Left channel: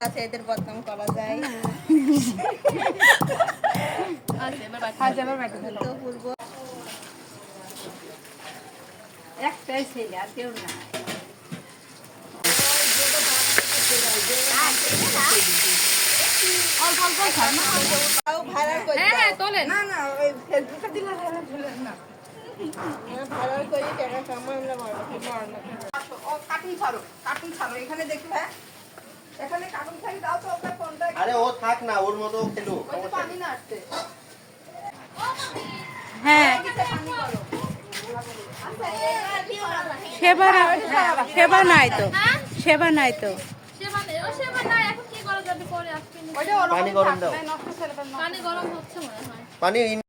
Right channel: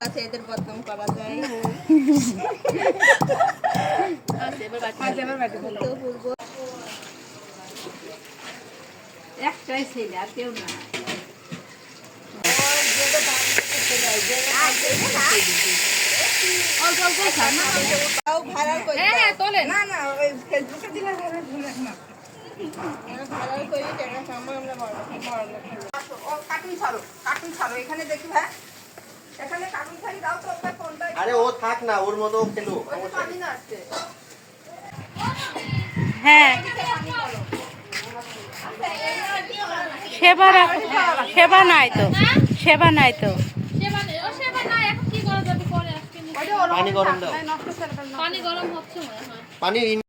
এদের বদনাম করা যায়। একটাই ছেলে আর কেউ না। তোলে না না ওই ফেসবুকে দিলে না কার্টুন ছাড়ো এখানে দেখি ভাই এখানে কার্টুন ছাড়ি দাও তো আপনার ফোনটা। আরে ও থাক না ওর মতো খেলো পানি না আসছে। হ্যাঁ সেবা নাই তো সেবা নাই তো পানি গরম দাও পানি গরম হচ্ছে মনে হয়। পানি